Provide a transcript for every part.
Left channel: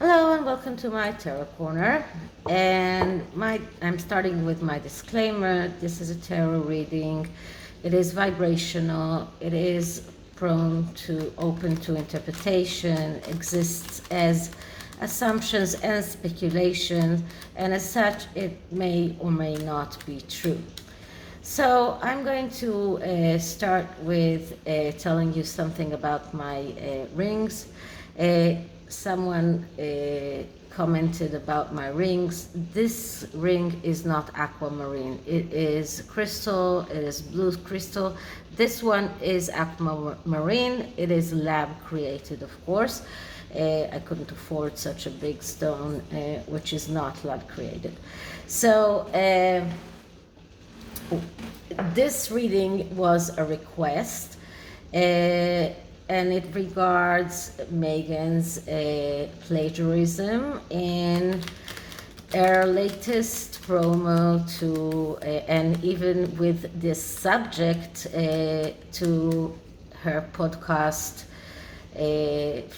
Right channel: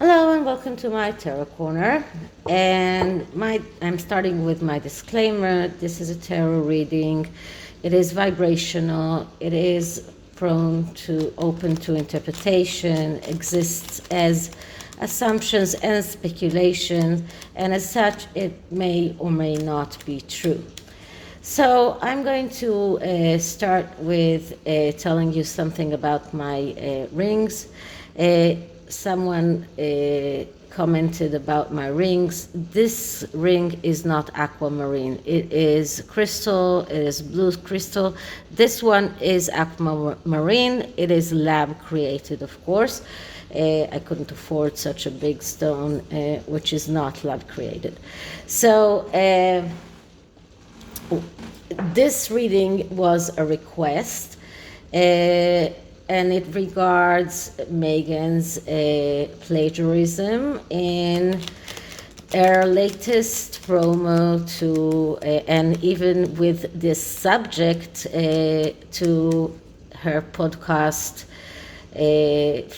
Hello and welcome to my tarot corner. And I'm starting with my disclaimer. This is a tarot reading. It is vibrational. It is prone to open to interpretation, exists as assumptions and speculation, and as such it may or may not be true. So I'm going to start with telling you something about my rings. Someone commented about my rings. This ring is not aquamarine. It is crystal. It is blue crystal. This one is aquamarine. It is lab created, of course. I couldn't afford such a big stone, which is not lab created. So this reading was a request, and it regards Meghan's plagiarism in her latest promo and even with this subject to her podcast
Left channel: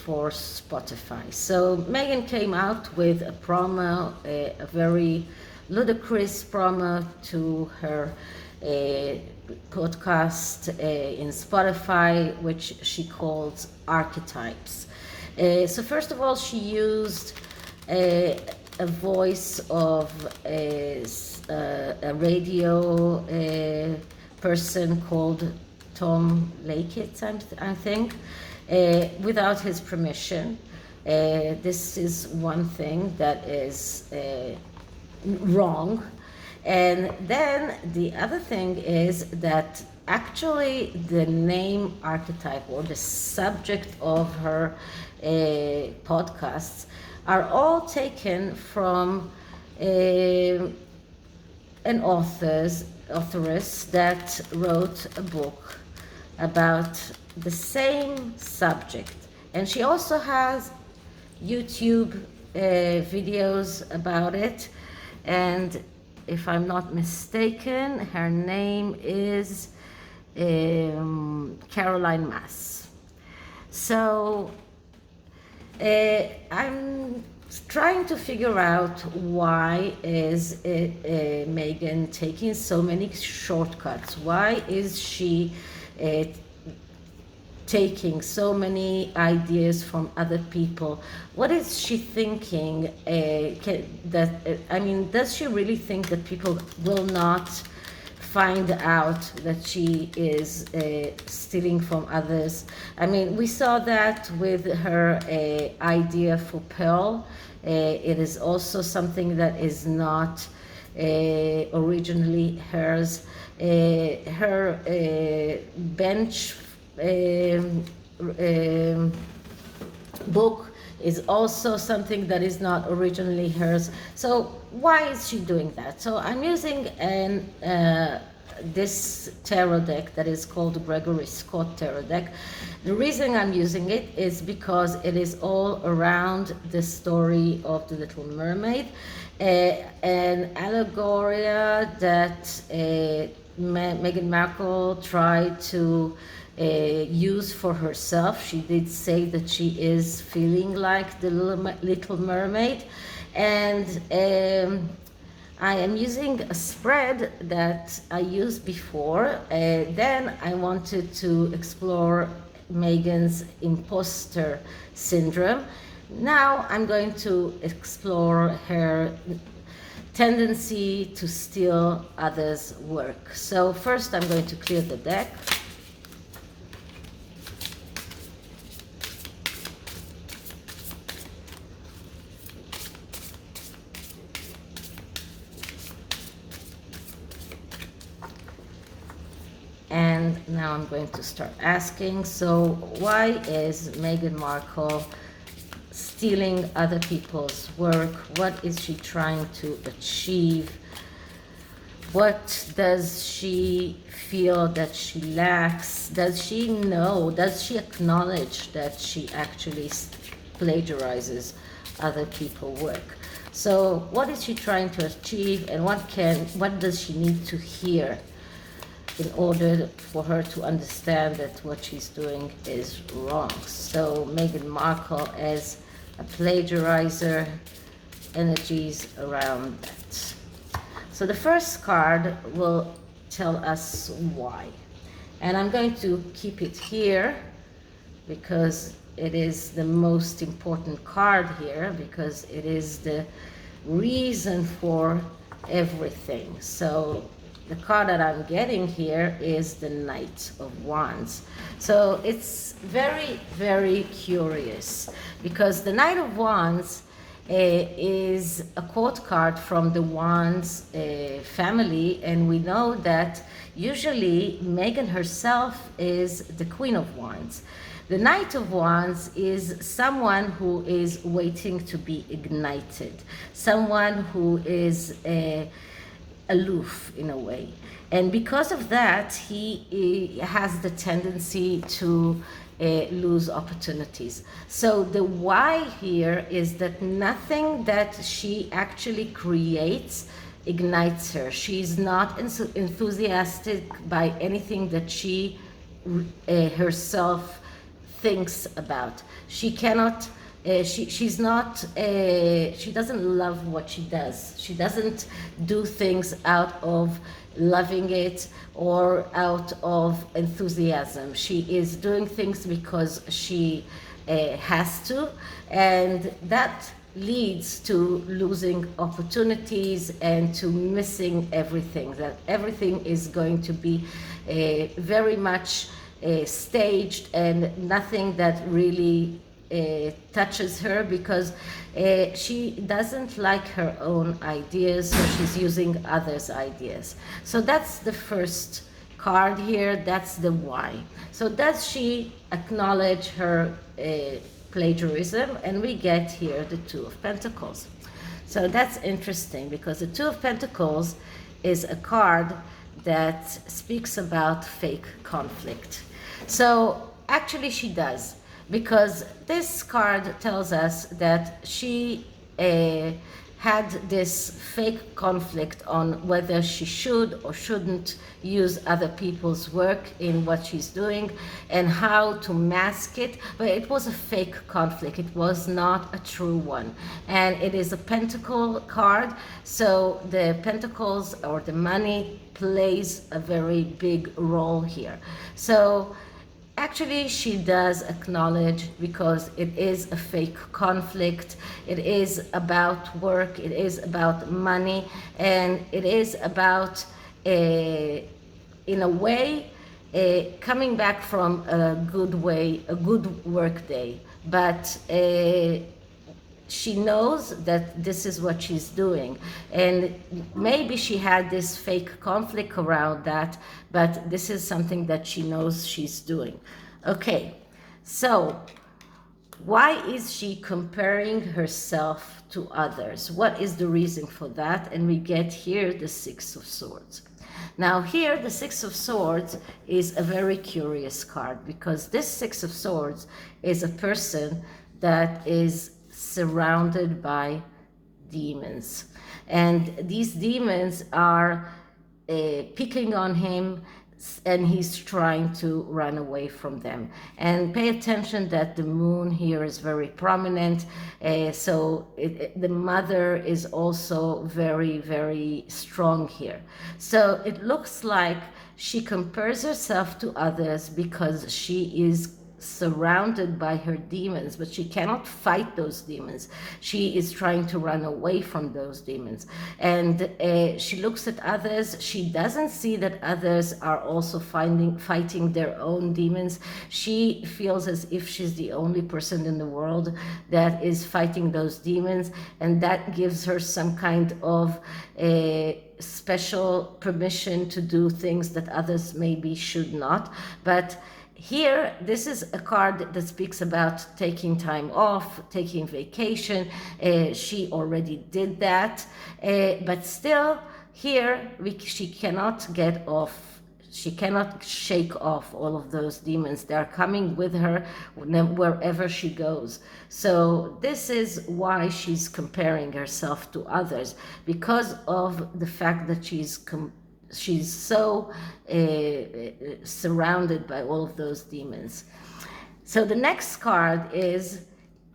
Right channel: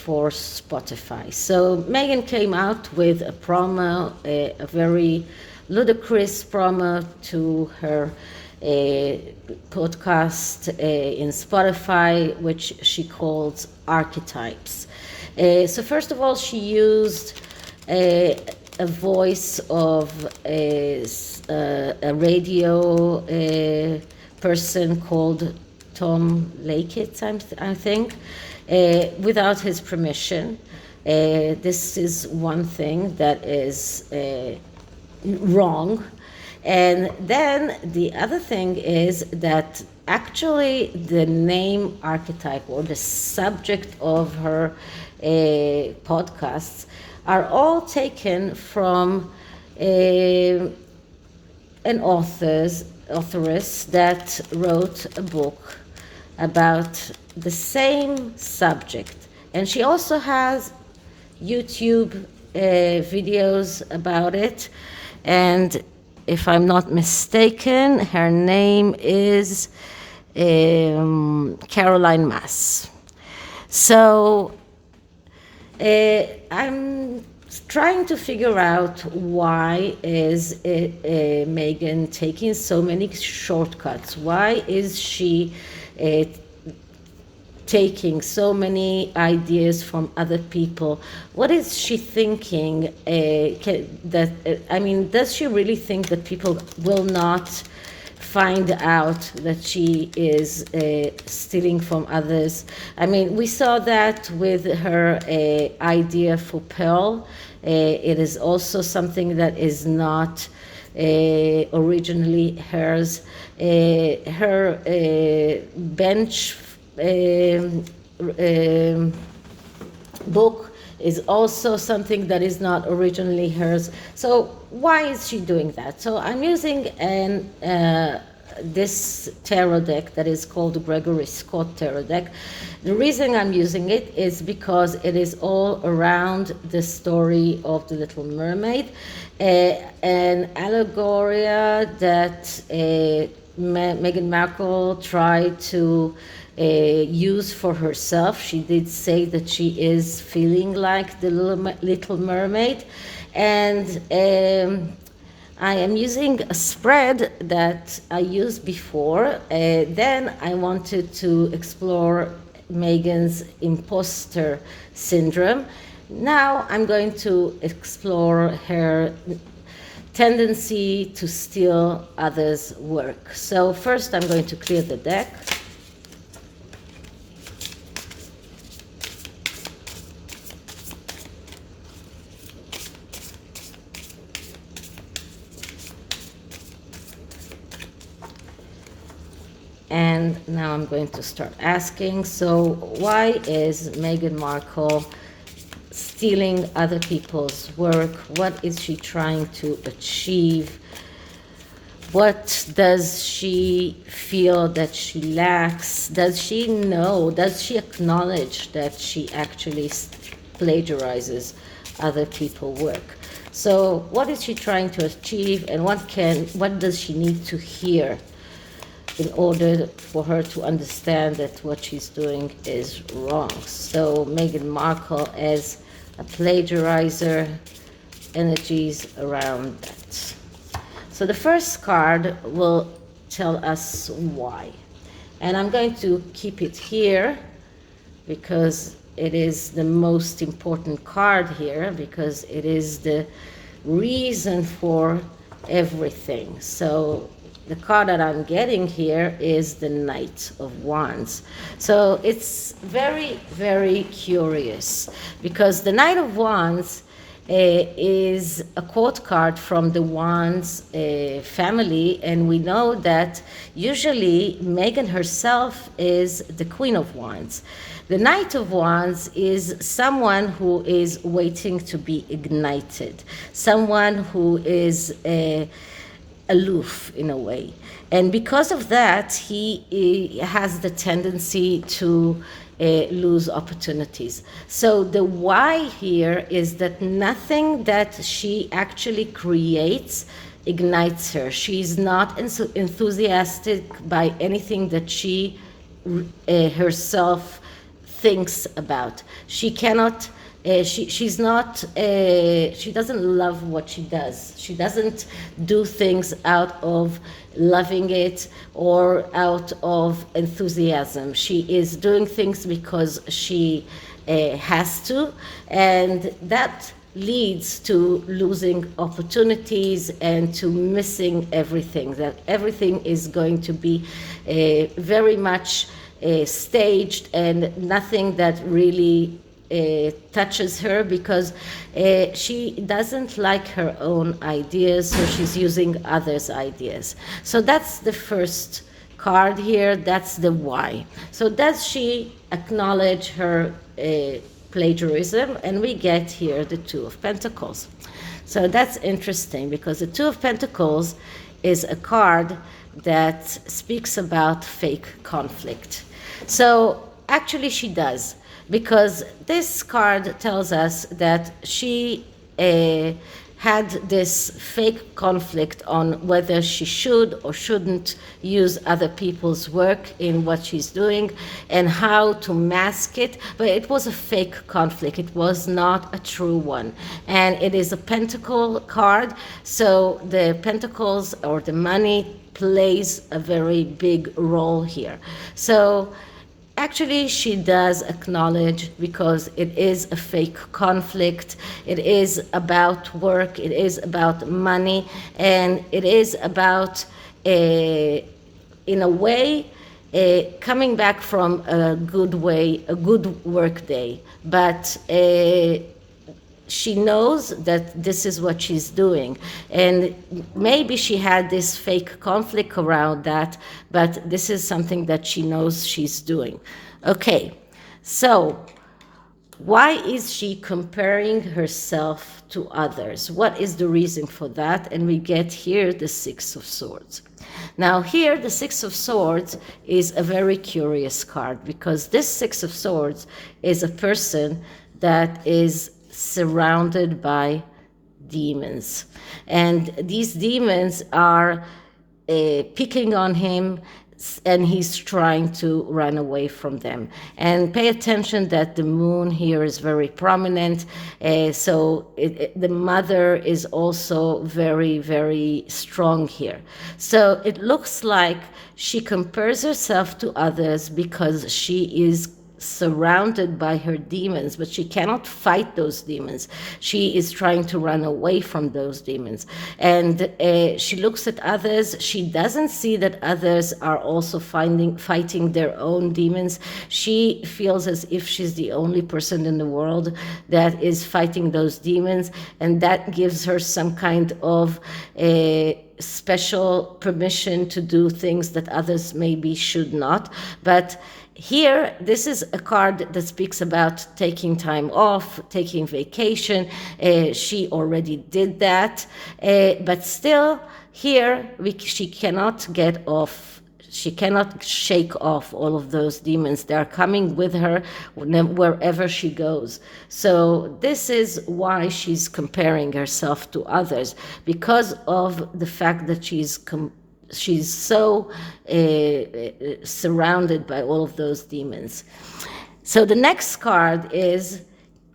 for Spotify. So Meghan came out with a promo, a very ludicrous promo to her podcast in Spotify, which she calls Archetypes. So first of all, she used a voice of a radio person called Tom Lakitz, I think, without his permission. This is one thing that is wrong. And then the other thing is that actually the name archetype or the subject of her podcasts are all taken from an authoress that wrote a book about the same subject. And she also has YouTube videos about it. And if I'm not mistaken, her name is Caroline Mass. So I'm trying to figure out why is Meghan taking so many shortcuts? Why is she taking so many ideas from other people? What is she thinking? Does she really think that people will not find out that she is stealing from others? I mean, we saw that with her idea for Pearl. It is also something that is not originally hers. Her bench book is also something that is not originally hers. So why is she doing that? So I'm using this tarot deck that is called the Gregory Scott tarot deck. The reason I'm using it is because it is all around the story of the Little Mermaid, an allegoria that Meghan Markle tried to use for herself. She did say that she is feeling like the Little Mermaid, and I am using a spread that I used before. Then I wanted to explore Meghan's imposter syndrome. Now I'm going to explore her tendency to steal others' work. So first I'm going to clear the deck. And now I'm going to start asking, so why is Meghan Markle stealing other people's work? What is she trying to achieve? What does she feel that she lacks? Does she know, does she acknowledge that she actually plagiarizes other people's work? So what is she trying to achieve, and what does she need to hear in order for her to understand that what she's doing is wrong? So Meghan Markle as a plagiarizer, energies around that. So the first card will tell us why. And I'm going to keep it here because it is the most important card here, because it is the reason for everything. So the card that I'm getting here is the Knight of Wands. So it's very, very curious, because the Knight of Wands is a quote card from the Wands family, and we know that usually Meghan herself is the Queen of Wands. The Knight of Wands is someone who is waiting to be ignited, someone who is aloof in a way. And because of that, he has the tendency to lose opportunities. So the why here is that nothing that she actually creates ignites her. She's not enthusiastic by anything that she herself thinks about. She cannot, she's not, she doesn't love what she does. She doesn't do things out of loving it or out of enthusiasm. She is doing things because she has to, and that leads to losing opportunities and to missing everything. That everything is going to be very much staged, and nothing that really touches her, because she doesn't like her own ideas, so she's using others' ideas. So that's the first card here. That's the why. So does she acknowledge her plagiarism? And we get here the Two of Pentacles. So that's interesting, because the Two of Pentacles is a card that speaks about fake conflict. So actually she does, because this card tells us that she had this fake conflict on whether she should or shouldn't use other people's work in what she's doing, and how to mask it. But it was a fake conflict. It was not a true one. And it is a pentacle card, so the pentacles, or the money, plays a very big role here. So actually, she does acknowledge, because it is a fake conflict. It is about work, it is about money, and it is about, in a way, coming back from a good work day. But she knows that this is what she's doing, and maybe she had this fake conflict around that, but this is something that she knows she's doing. Okay, so why is she comparing herself to others? What is the reason for that? And we get here the Six of Swords. Now here, the Six of Swords is a very curious card, because this Six of Swords is a person that is surrounded by demons, and these demons are picking on him, and he's trying to run away from them. And pay attention that the moon here is very prominent, so the mother is also very, very strong here. So it looks like she compares herself to others because she is surrounded by her demons, but she cannot fight those demons. She is trying to run away from those demons. And she looks at others. She doesn't see that others are also fighting their own demons. She feels as if she's the only person in the world that is fighting those demons, and that gives her some kind of special permission to do things that others maybe should not. But here, this is a card that speaks about taking time off, taking vacation. She already did that, but still here she cannot get off. She cannot shake off all of those demons. They are coming with her wherever she goes. So this is why she's comparing herself to others, because of the fact that she's so surrounded by all of those demons. So the next card is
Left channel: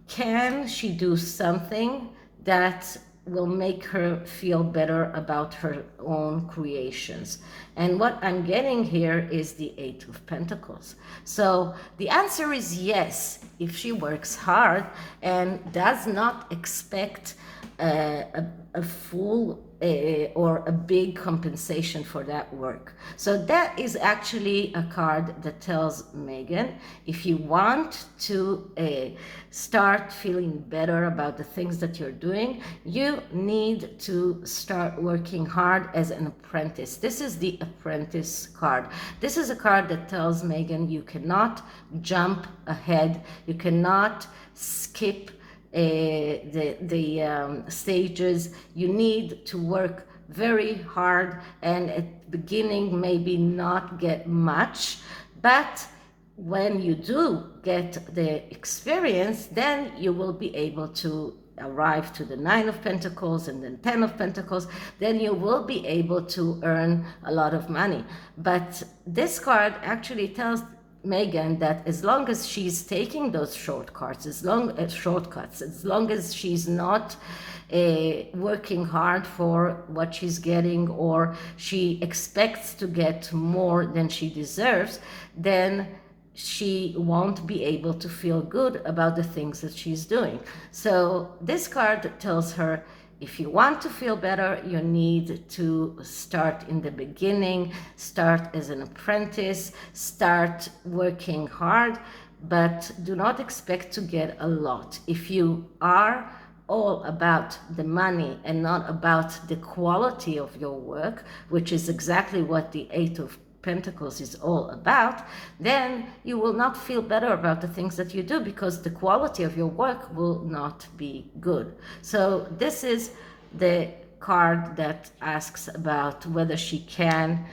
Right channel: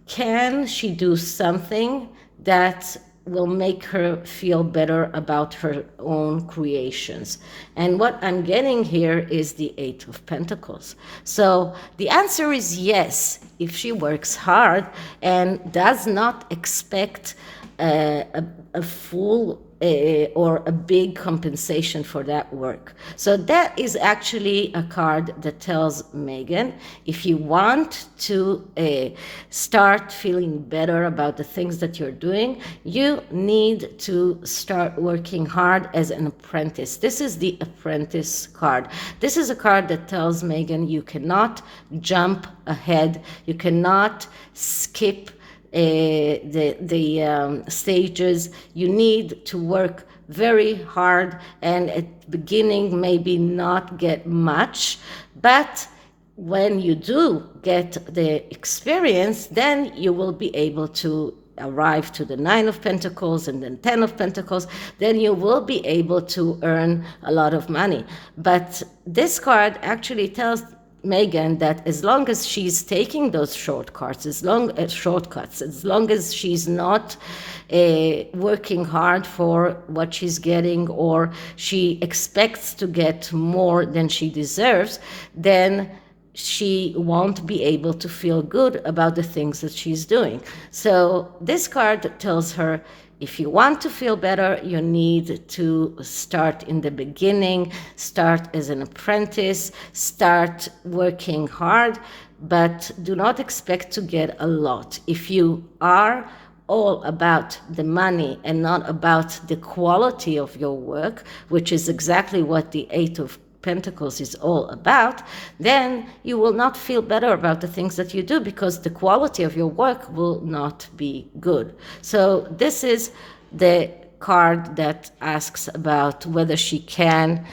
can she do something that will make her feel better about her own creations? And what I'm getting here is the Eight of Pentacles. So the answer is yes, if she works hard and does not expect a full or a big compensation for that work. So that is actually a card that tells Meghan, if you want to start feeling better about the things that you're doing, you need to start working hard as an apprentice. This is the apprentice card. This is a card that tells Meghan you cannot jump ahead, you cannot skip the stages. You need to work very hard, and at the beginning maybe not get much, but when you do get the experience, then you will be able to arrive to the Nine of Pentacles and then Ten of Pentacles. Then you will be able to earn a lot of money. But this card actually tells Meghan that as long as she's taking those shortcuts, as long as she's not working hard for what she's getting, or she expects to get more than she deserves, then she won't be able to feel good about the things that she's doing. So this card tells her, if you want to feel better, you need to start in the beginning, start as an apprentice, start working hard, but do not expect to get a lot. If you are all about the money and not about the quality of your work, which is exactly what the Eight of Pentacles is all about, then you will not feel better about the things that you do, because the quality of your work will not be good. So this is the card that asks about whether she can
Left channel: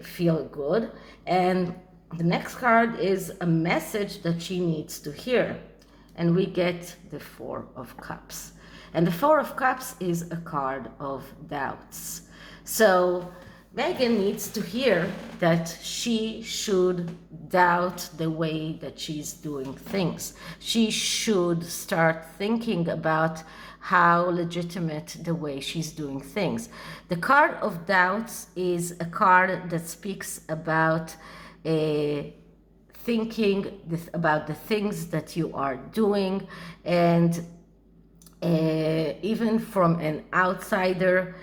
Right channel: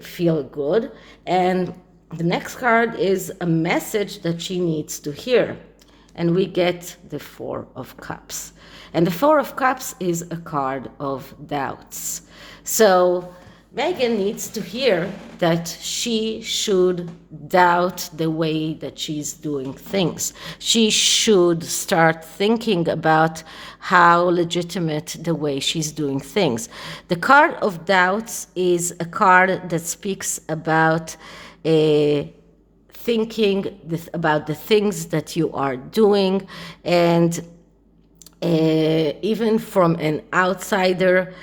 feel good. And the next card is a message that she needs to hear. And we get the Four of Cups. And the Four of Cups is a card of doubts. So Meghan needs to hear that she should doubt the way that she's doing things. She should start thinking about how legitimate the way she's doing things. The card of doubts is a card that speaks about thinking about the things that you are doing, and even from an outsider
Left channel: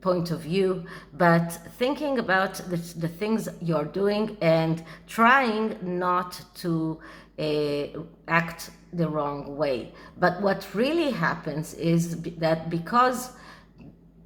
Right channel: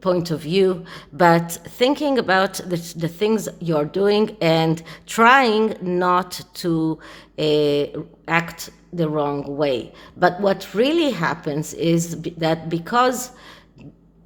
point of view, but thinking about the things you're doing and trying not to act the wrong way. But what really happens is that because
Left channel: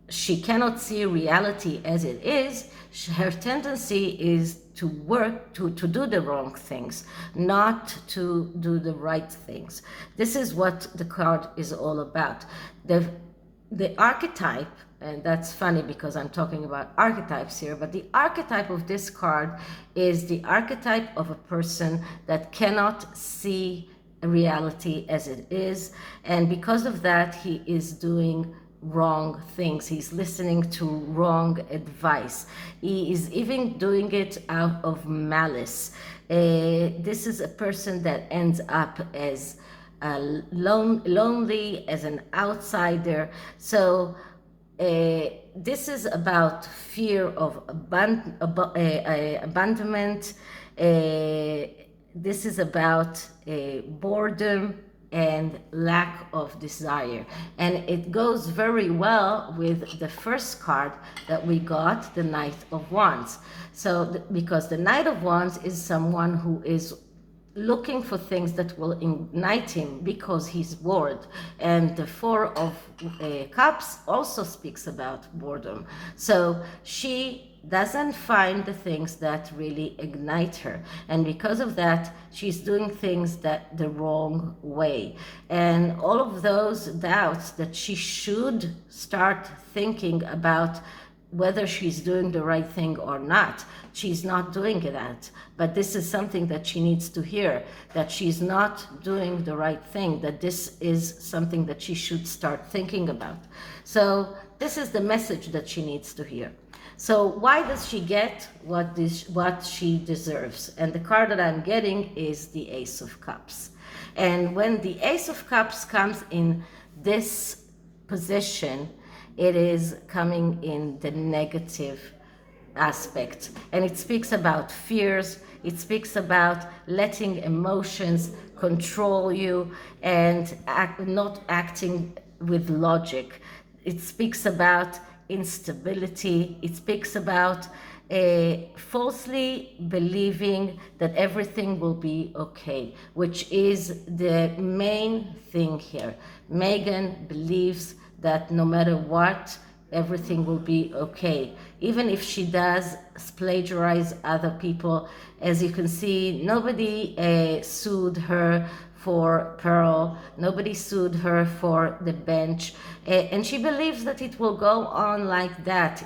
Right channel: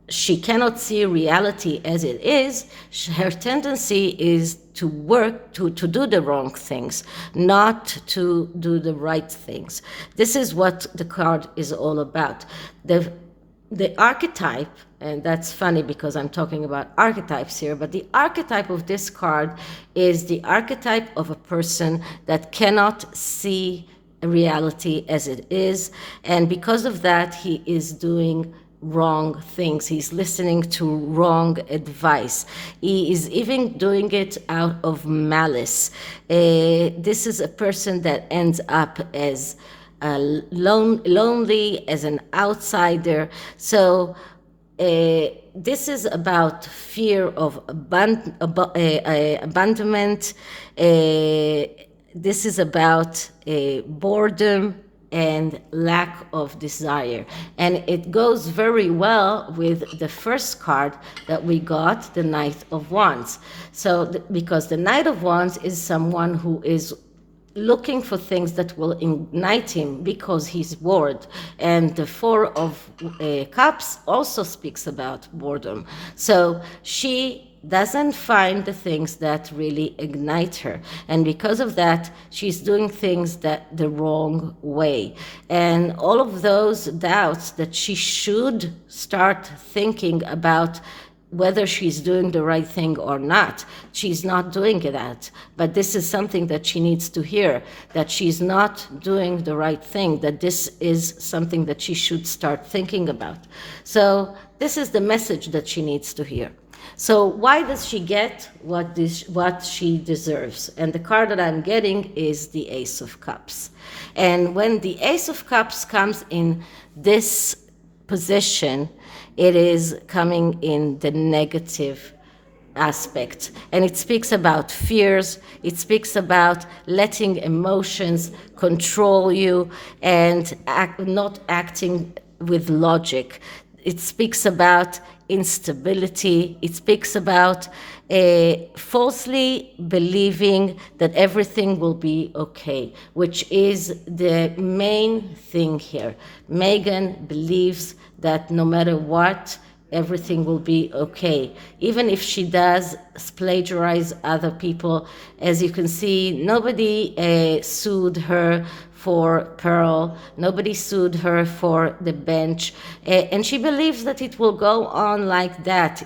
she cannot see reality as it is, her tendency is to work to do the wrong things, not to do the right things. This is what the card is all about. The archetype, and that's funny because I'm talking about archetypes here, but the archetype of this card is the archetype of a person that cannot see reality as it is, and because of that, he is doing wrong things. He's listening to wrong advice. He is even doing it out of malice. This is a person that ends up as lonely, as an outsider. So this is about fear of abandonment. This is about boredom and lack of desire. And it goes very well with the first card that we got, the Knight of Wands. So because the Knight of Wands is someone who is looking for things that will ignite him because he's bored. And the Four of Cups also speaks about boredom. So she doesn't find the things that really ignite her, and because of that she's doing things that the wrong way. And all of those doubts that she should start thinking about whether she's doing the right thing or not, she's not doing that. But this is something that she needs to hear, that she's not doing the right thing, that this is something that she should start thinking about. So this is the message that she needs to hear. So why does she get what she deserves? And the card that I'm getting is the Ace of Cups. And when the Ace of Cups comes in this position, it is coming in the negative aspect, and it speaks about fears, it speaks about letting emotions control you and not acting with logic. It speaks about instability. It speaks about falsely believing that everything will be okay, which is the main thing here. Meghan believes that no matter what, everything will be okay. Even if she does plagiarize other people, as you can see, nobody sued her for Pearl, nobody sued her for the bench, and she believes that it will go on like that.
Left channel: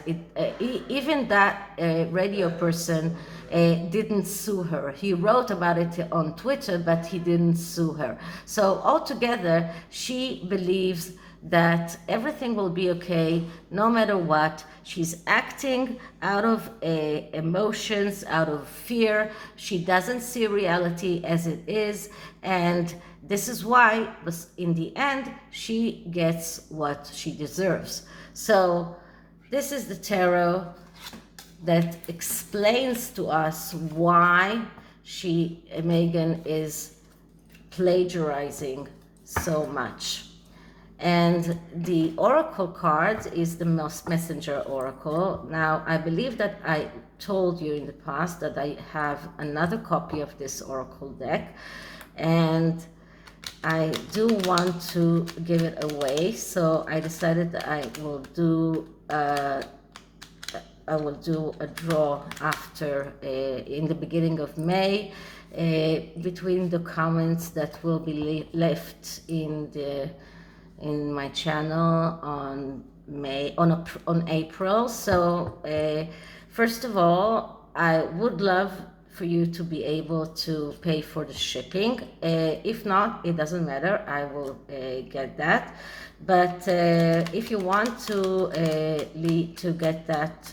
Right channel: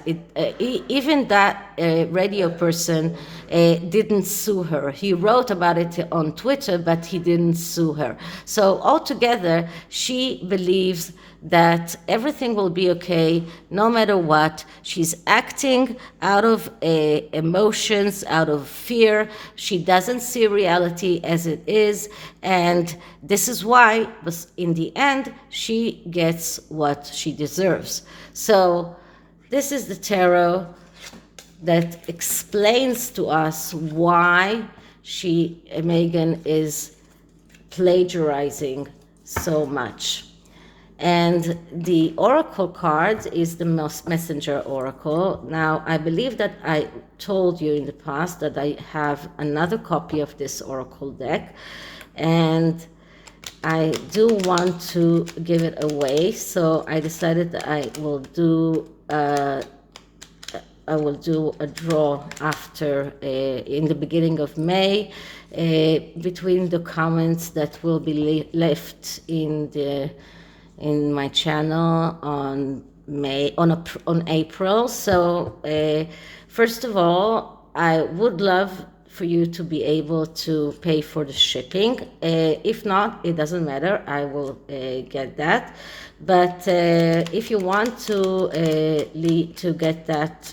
Even that radio person didn't sue her. He wrote about it on Twitter, but he didn't sue her. So altogether, she believes that everything will be okay no matter what. She's acting out of emotions, out of fear. She doesn't see reality as it is, and this is why, in the end, she gets what she deserves. So this is the tarot that explains to us why Meghan is plagiarizing so much. And the oracle card is the messenger oracle. Now, I believe that I told you in the past that I have another copy of this oracle deck, and I do want to give it away, so I decided that I will do a draw after in the beginning of May, between the comments that will be left in my channel on April. So first of all, I would love for you to be able to pay for the shipping. If not, it doesn't matter, I will get that. But if you want to get that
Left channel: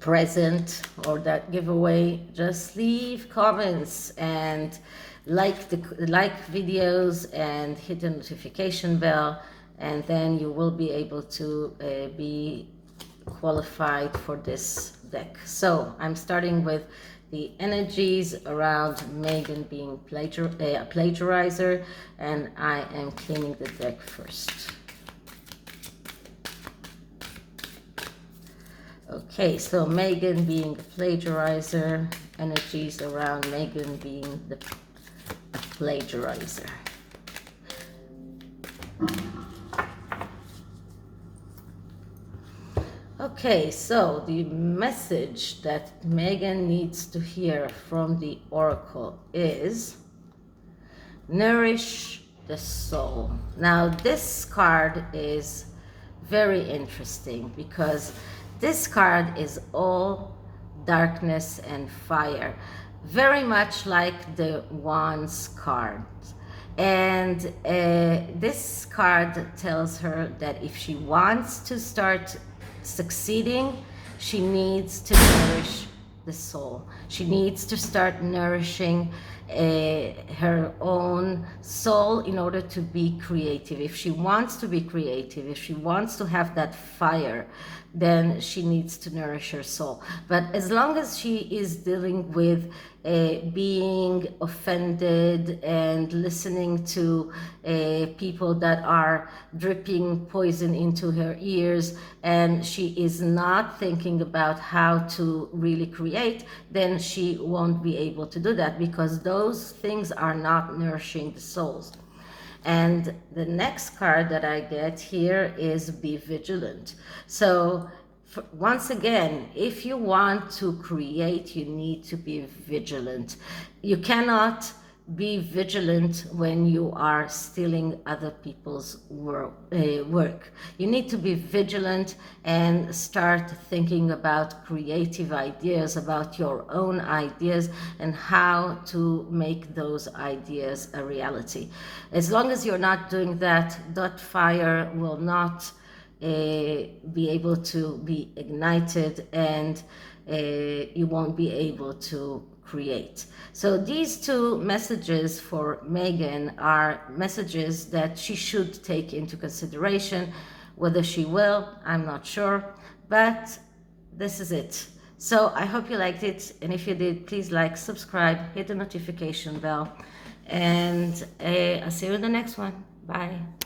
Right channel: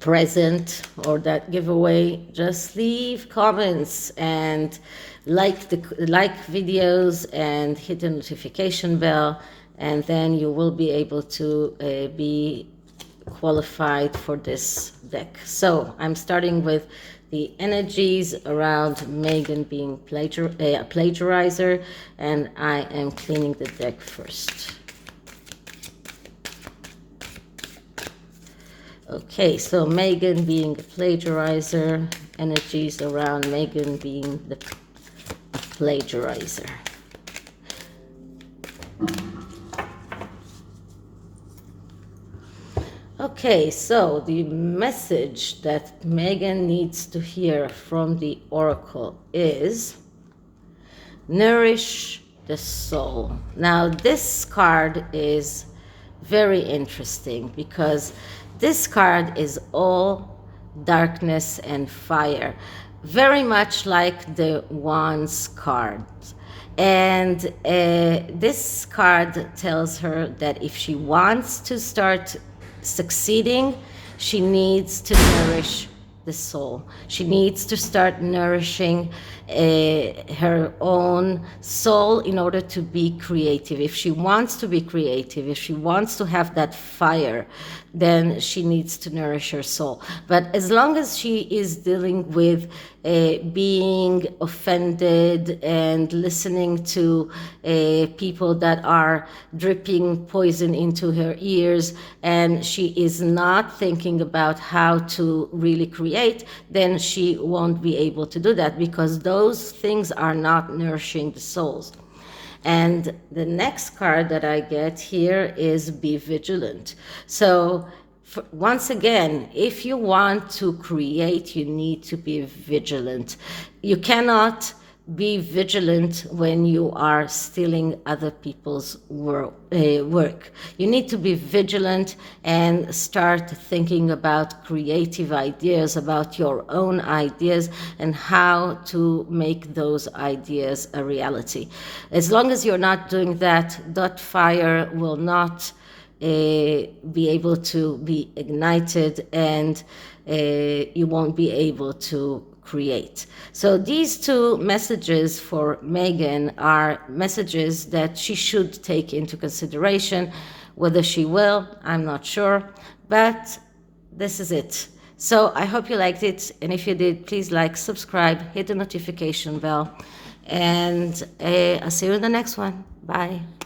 present or that giveaway, just leave comments and like videos and hit the notification bell, and then you will be able to be qualified for this deck. So I'm starting with the energies around Meghan being a plagiarizer, and I am cleaning the deck first. Okay, so Meghan being a plagiarizer, energies around Meghan being a plagiarizer. Okay, so the message that Meghan needs to hear from the oracle is nourish the soul. Now, this card is very interesting because this card is all darkness and fire, very much like the Wands card. And this card tells her that if she wants to start succeeding, she needs to nourish the soul. She needs to start nourishing her own soul in order to be creative. If she wants to be creative, if she wants to have that fire, then she needs to nourish her soul. But as long as she is dealing with being offended and listening to people that are dripping poison into her ears, and she is not thinking about how to really create, then she won't be able to do that, because those things are not nourishing the souls. And the next card that I get here is be vigilant. So once again, if you want to create, you need to be vigilant. You cannot be vigilant when you are stealing other people's work. You need to be vigilant and start thinking about creative ideas, about your own ideas, and how to make those ideas a reality. As long as you're not doing that, that fire will not be able to be ignited, and you won't be able to create. So these two messages for Meghan are messages that she should take into consideration. Whether she will, I'm not sure, but this is it. So I hope you liked it, and if you did, please like, subscribe, hit the notification bell, and I'll see you in the next one. Bye.